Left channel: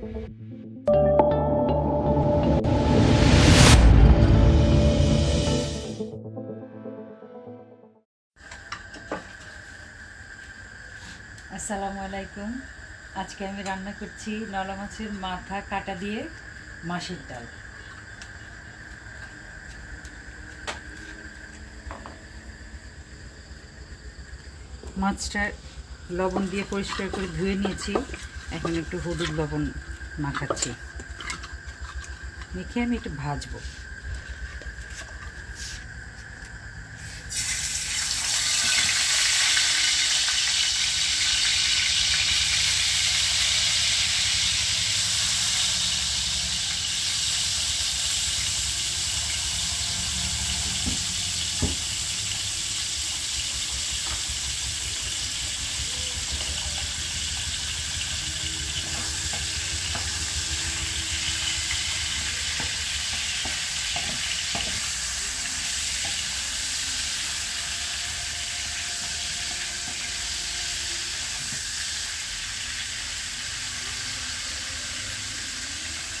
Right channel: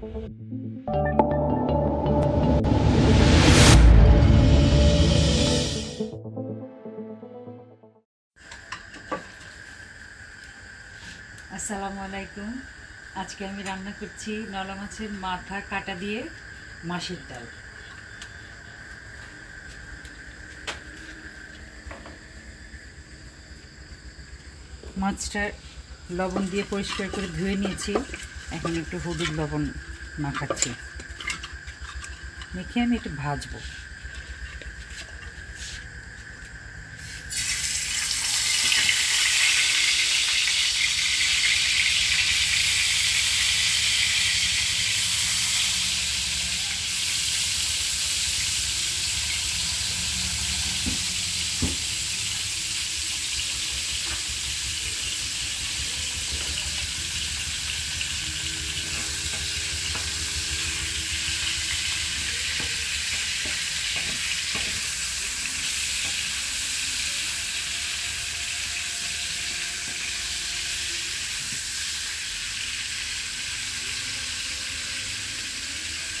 আসসালামু আলাইকুম। আজকে আমি রান্না করছি নলা মাছের মাথা কাটা দিয়ে মাছের ডাল। মাছটা লবণ দিয়ে পরিষ্কার করে ধুয়ে নিয়েছি। এখন একটু হলুদ লবণ মাখাচ্ছি, মেখে আমি একটু ভাজবো।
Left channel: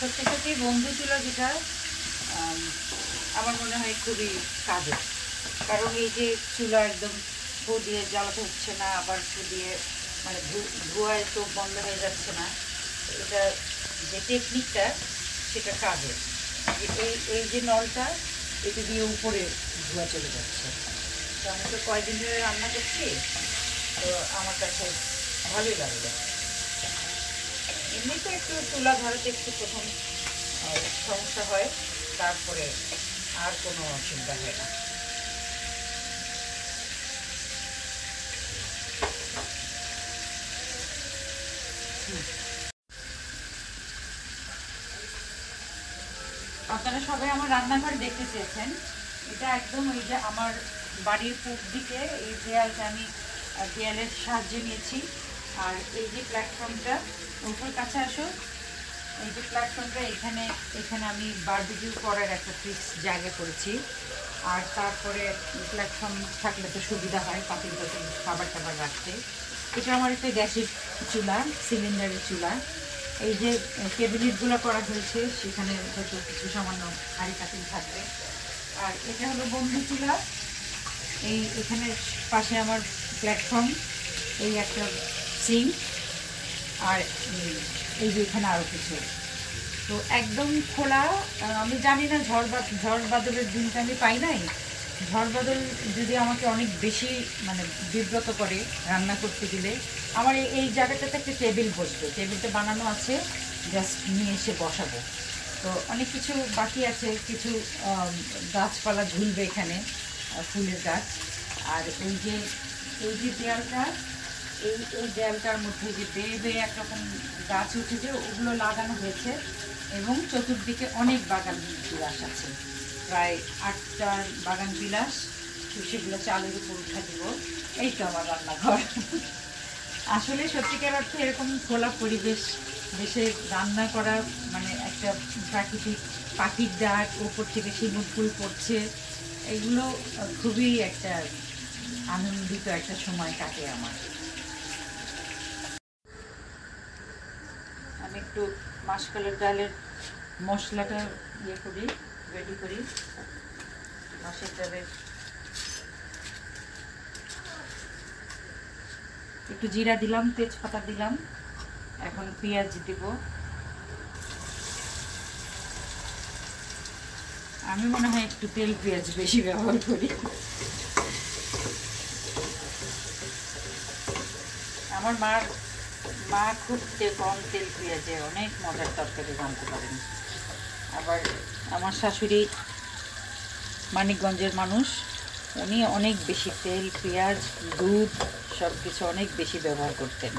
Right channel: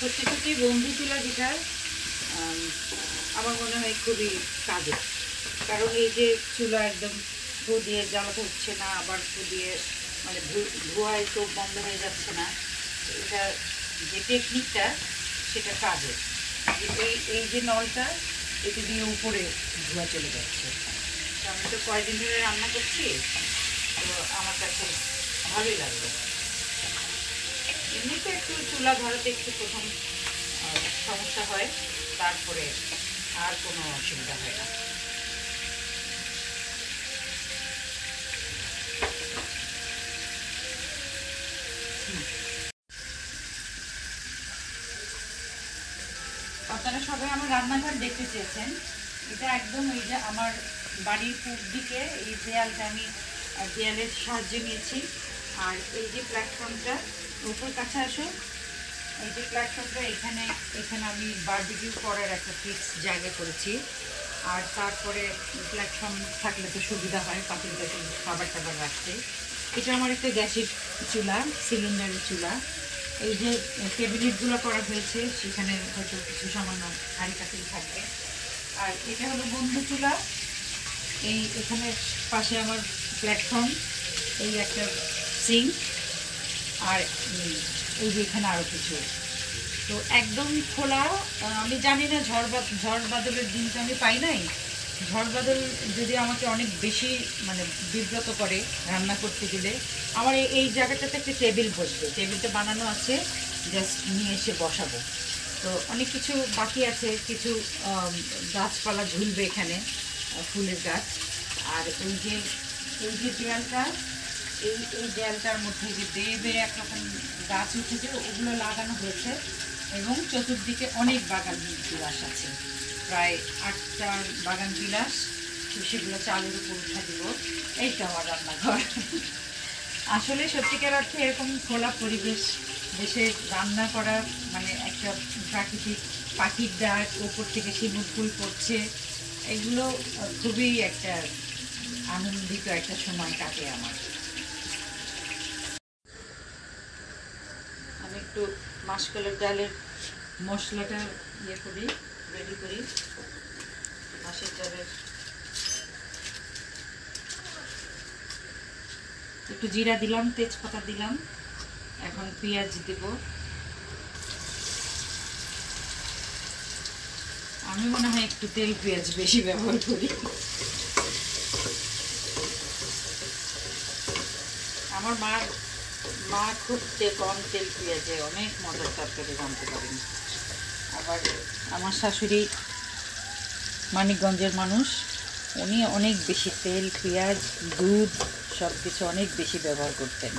সত্যি সত্যি বন্ধু চুলা যেটা আমার মনে হয় খুবই কাজের, কারণ এই যে চুলা একদম ফু দিয়ে জ্বালাতে হচ্ছে না, আবার ফু দিয়ে মানে ধোঁয়ায় চোখ বন্ধ হয়ে যাচ্ছে না। এটা যে টেকনিকটা সেটা কাজের। এই এই যে নলটা এটা দিয়ে উপরে ধোঁয়া চলে যাচ্ছে। তো আমি তো কয়েকদিন ধরে রান্না করছি, তো আমার কাছে ভালোই লাগবে। এমনিতে একটু চুলা ধরাতে একটু প্রথম সমস্যা হয়, তারপরে আর কোনো অসুবিধা হয় না। আপনারা সবাই আমার রান্নাঘর দেখতে চেয়েছেন। এটা একদম ওই যে আমার বাড়ির পূর্ব দিকে এই দেয়ালটা আমি দেয়ালের সাহায্যে নিয়েছি। আর এই যে প্ল্যাটফর্মটা, উপর কাছে আসো, এই যে প্ল্যাটফর্মটা এখানে এখানে আমি বারবিকিউ করার একটা ফিক্স জায়গা করেছি। আর তারপরে প্ল্যাটফর্ম থাকলে তো সুবিধা হয় পাতিল টাতিল খাবার টাবার রাখতে। এটা আমার একটা গ্যাসের চুলা, সিলিন্ডারের চুলা। এই যে ক্যাবিনেটগুলো করা হয়েছে সেখানে হয়তো কিছু সামান্য হাঁড়ি পাতিল থাকবে। আর এটা হলো বন্ধু চুলা। এই এখানে পাশে আমার প্ল্যাটফর্ম, এই একটা সিঙ্ক, আর এই যে এখানে আরও কিছু। তো একদম খোলা। আমি জানি না ঝড় বাদলের দিনটা আমি পাই নাই। ঝড় বাদল যদি আমাকে অনেক বেশি মানে বিব্রত করে রান্না করতে গেলে, আমার এই জায়গাটাতে একটা টেবিল বসবে, টেবিলটা বানানো আছে, জাস্ট নিয়ে এসে বসাবো। তো অনেক কিছু বাকি আছে, কিছু গাছপালা ঝুলবে এখানে, ফুলের গাছ। আর এই যে দেয়ালটা, এই দেয়ালটার মধ্যে যে বেয়ে বেয়ে একরকম গাছ উঠেছে, ওগুলো লাগানো হয়েছে। এবং চতুর্দিকে অনেক বাগান বিলাস আছে, প্রায় 8টা বাগান বিলাস। সেগুলো চালের উপর উঠা দিব। এই তো আমার রান্নাঘর। আসলে সত্যিকার অর্থে এরকম খোলা পরিবেশ দেশে রান্না করা মানে একটা প্রাকৃতিক পাখির ডাক, ওপর থেকে শিমুল ফুল পড়ছে, এগুলো খুবই একটা আনন্দিত একটা সময় কাটে আমার। আমি একটু মাসকলার ডালের মশলাটা করি, রেডি করি। মাছের ডালের একটু জিরা দিলাম, তেজপাতা দিলাম, এখন পেঁয়াজ দিব। আমি মনে হয় একটু তেল পেঁয়াজ বেশি ব্যবহার করি। আমার মা খুব কম তেল পেঁয়াজে অনেক মজার তরকারি রাঁধতে পারেন। আবার আমার শাশুড়ি মানিকগঞ্জের মানুষ, উনি অনেক বেশি তেল পেঁয়াজ দুধ সব কিছু অনেক বেশি ব্যবহার করতেন।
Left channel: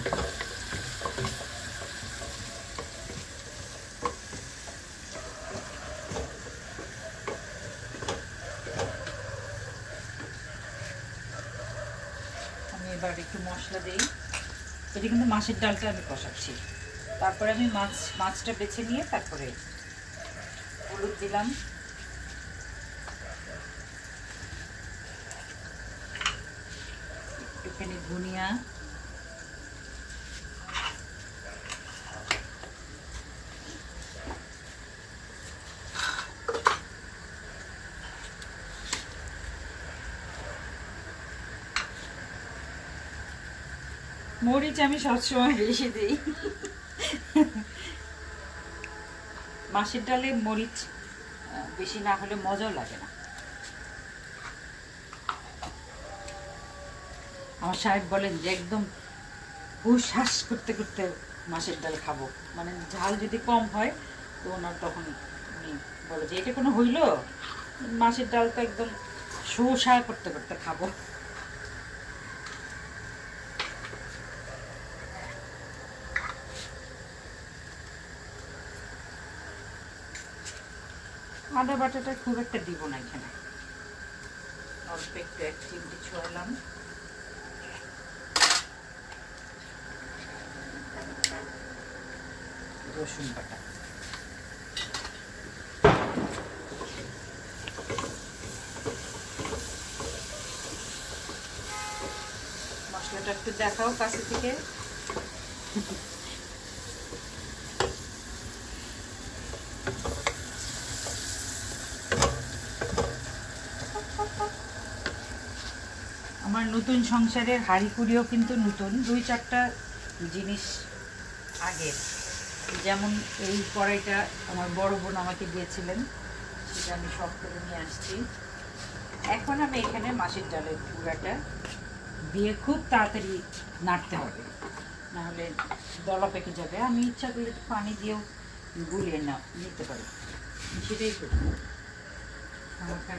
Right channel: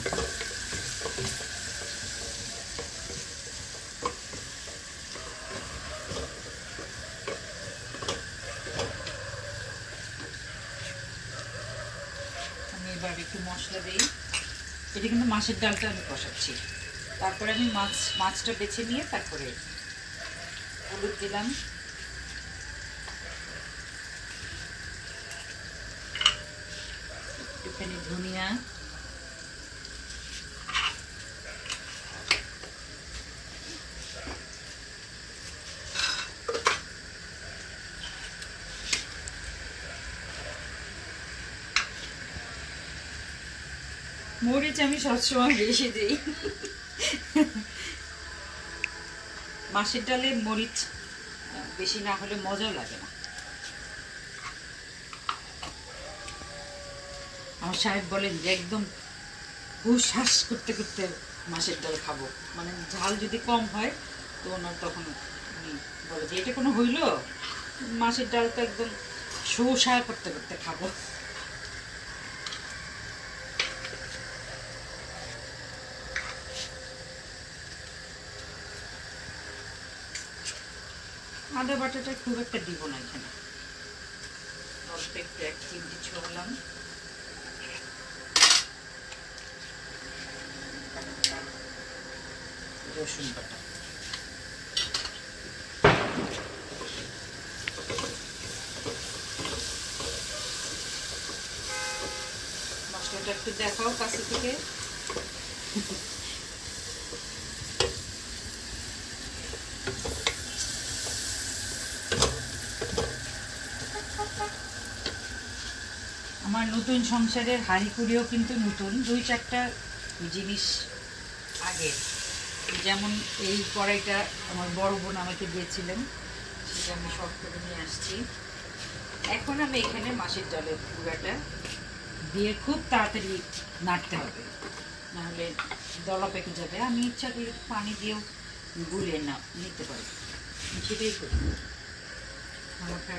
আমি এবার একটু মশলা দিই। এটা কিন্তু মাছের ডালটা আমি কষাচ্ছি। তারপরে আমি মাছটা বেছে নিয়ে তারপরে হলুদ দিলাম, একটুখানি ধনিয়া, মরিচ আমি সবসময় বেশি দিই। মাছের ডালে মরিচ বেশি না হলে মজা লাগে না। আমার সাহেব বলেন যে একদম হুশ হাস করতে করতে মাছের ডাল খাবো, মানে ঝাল যদি কম হয় তো ওনার তখন উনি বলে যে এটা কোনো হইল, মাছের ডাল তো একদম শোষা করতে করতে খাবো। আদা বাটাটা খুব একটা দিব না এখানে, অল্প একটু 1 চিমটি ছড়ালাম। রসুন বাটা, মশলাটা একটু দেখাও কাছে থেকে। আমার নতুন সংসারের হাঁড়িকুড়িও কিন্তু নতুন, 2-4টা জিনিস আগের। যেমন এই কড়াইটা আমার বড় বোন আমাকে দিয়েছিলেন, সেটা আমি শখ করে নিয়ে আসছি। এখন আমি এখানে মাছের ডালের গুঁড়াটা দিয়ে খুব তাড়াতাড়ি নাড়তে হবে, নাহলে দলা পেকে যাবে। আমি ইচ্ছা করলে পানি দিয়েও গুলিয়ে নিতে পারি, সেটাই করি। আমাকে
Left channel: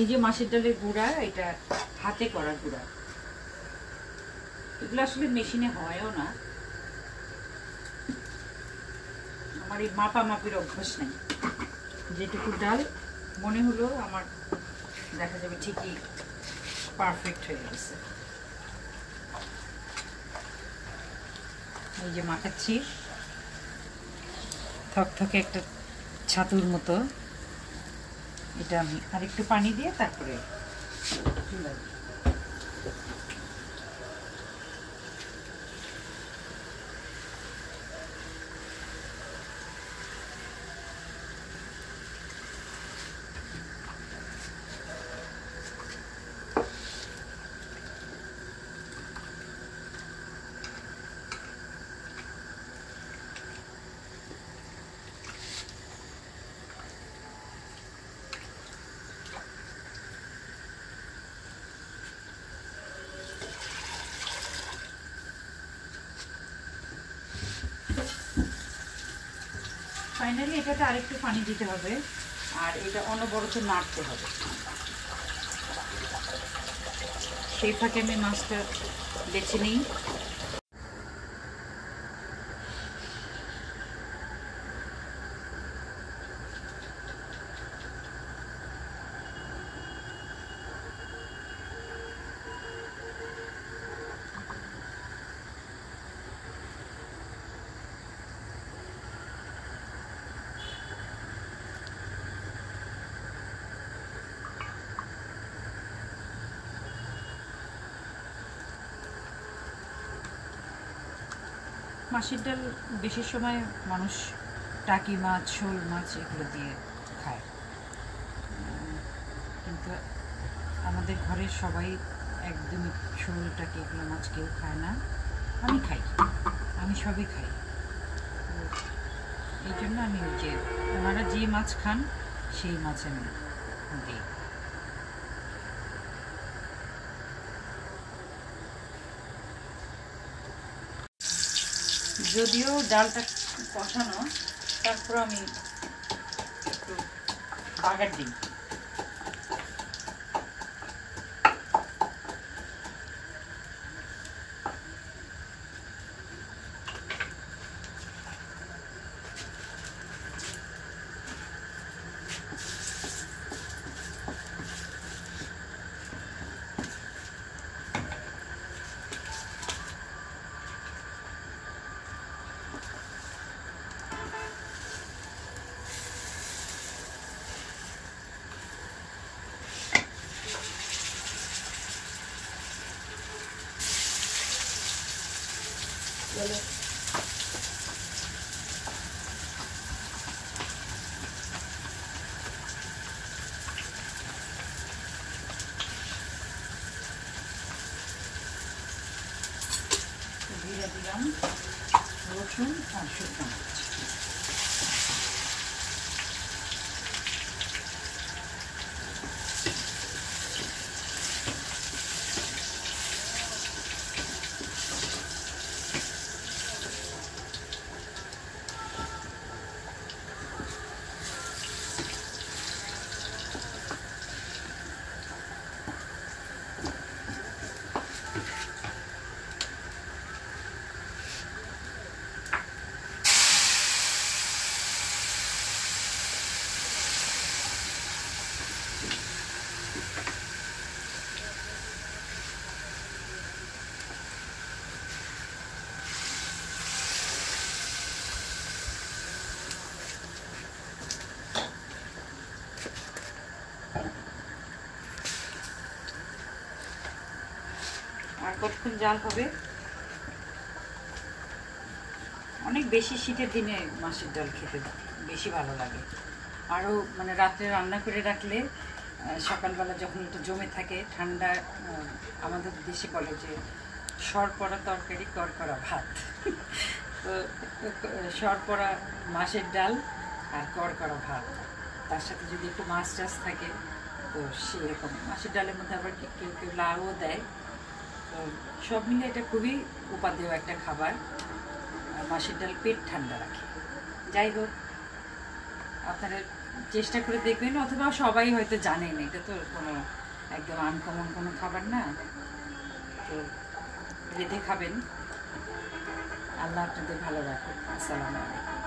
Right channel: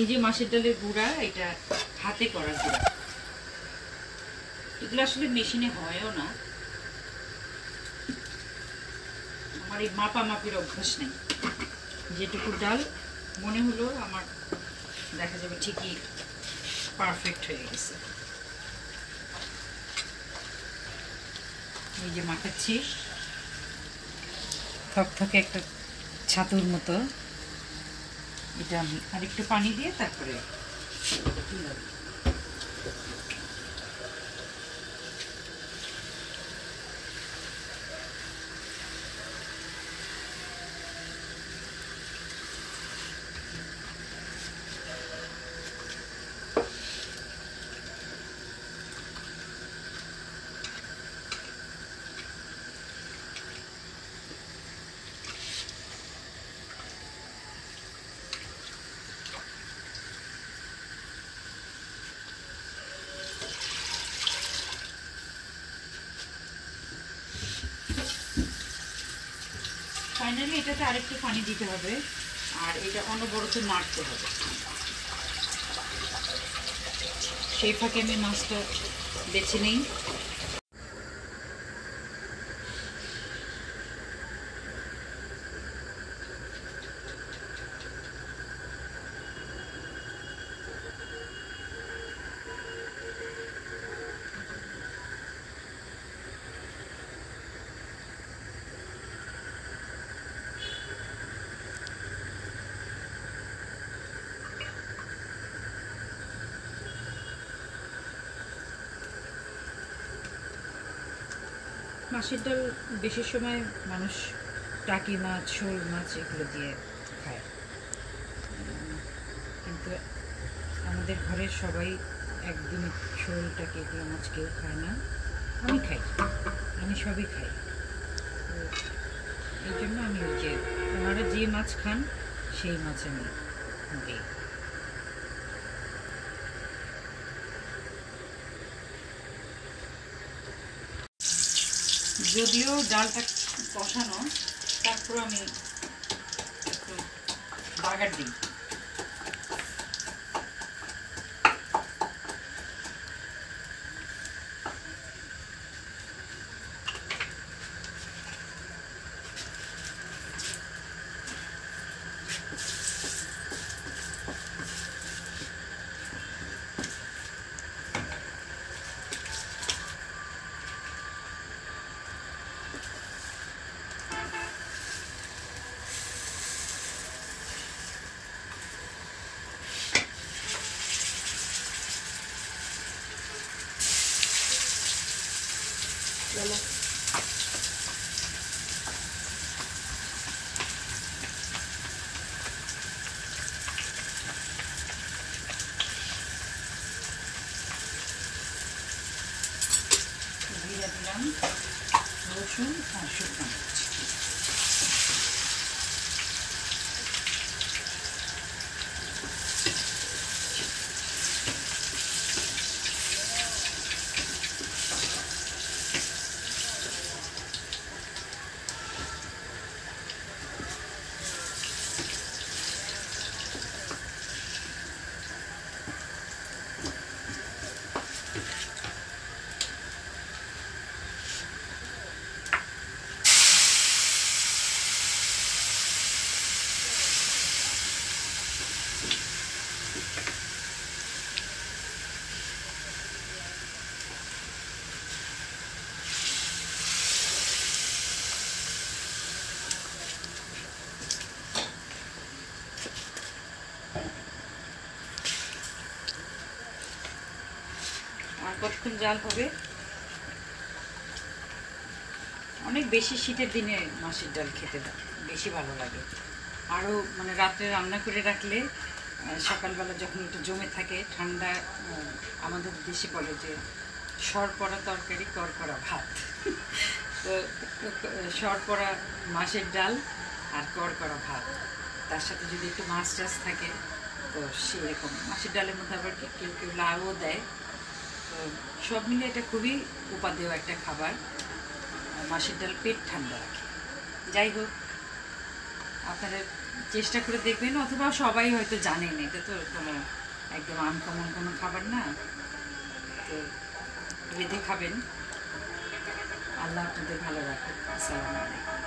এই যে মাছের ডালের গুঁড়া, এটা হাতে করা গুঁড়া, এগুলো আসলে মেশিনে হয়ও না। আমার এই মাপামাপির অভ্যাস নেই, যেটুকু ডাল মনে হলো আমার দেখা যাবে ঠিকই পারফেক্ট হয়ে গেছে। এই যে মাখাচ্ছি থকথকে একটা ছাতুর মতো, এটা আমি আরেকটু পানি দিয়ে তারপরে তুলে দিই। ফাইনালি এটাতে আরেকটু পানি দিতে হবে, আর এটা অনবরত নাড়তে হবে। সেই ফাঁকে আমি মাছটা বেছে নিই। মাছের ডাল বেশি সময় মানুষ টাকি মাছ, শোল মাছ এগুলো দিয়ে খায়, কিন্তু আমাদের ঘরের সবাই একদমই শোল টাকি এগুলো মাছ কেউ খায় না। আমি খাই, আমি সবই খাই। এই জন্য আমি ওই যে ওনারা যে মাছ খান সেই মাছ আমি দিই। যদিও ডালটা কষানো, তারপর আমি একটু বাগার দিই। দিলাম রসুন আর শুকনো মরিচ। আর কতক্ষণ জাল হবে? অনেক বেশি শীতের দিনে মাছের ডাল খেতে বেশি ভালো লাগে। আরও মানে রাত্রে রান্না করে রাখলে সকালবেলা যখন একটু জমে থাকে ঠান্ডা, আমাদের দেশে বলে যে সর পড়া তরকারি কর করা ভাত। তো সর পড়া মাছের ডাল আর কর করা ভাত, তার সাথে যদি একটু মাছ টাছ থাকে তো সেরকম। মাছের ডালের মধ্যে আবার কেউ কেউ লাউও দেয়। তো সব মিলে এটা খুবই উপাদেয় একটা খাবার। মাছের ডাল পেট ঠান্ডা রাখে। যাই হোক, আপনারা চেষ্টা করে দেখবেন, অথবা সবাই হয়তো জানেন, এটা তো কোনো একদম আনকমন কোনো খাবার না। তো রেঁধে খাবেন। আল্লাহ আপনাদের ভালো রাখুন। আসসালামু আলাইকুম।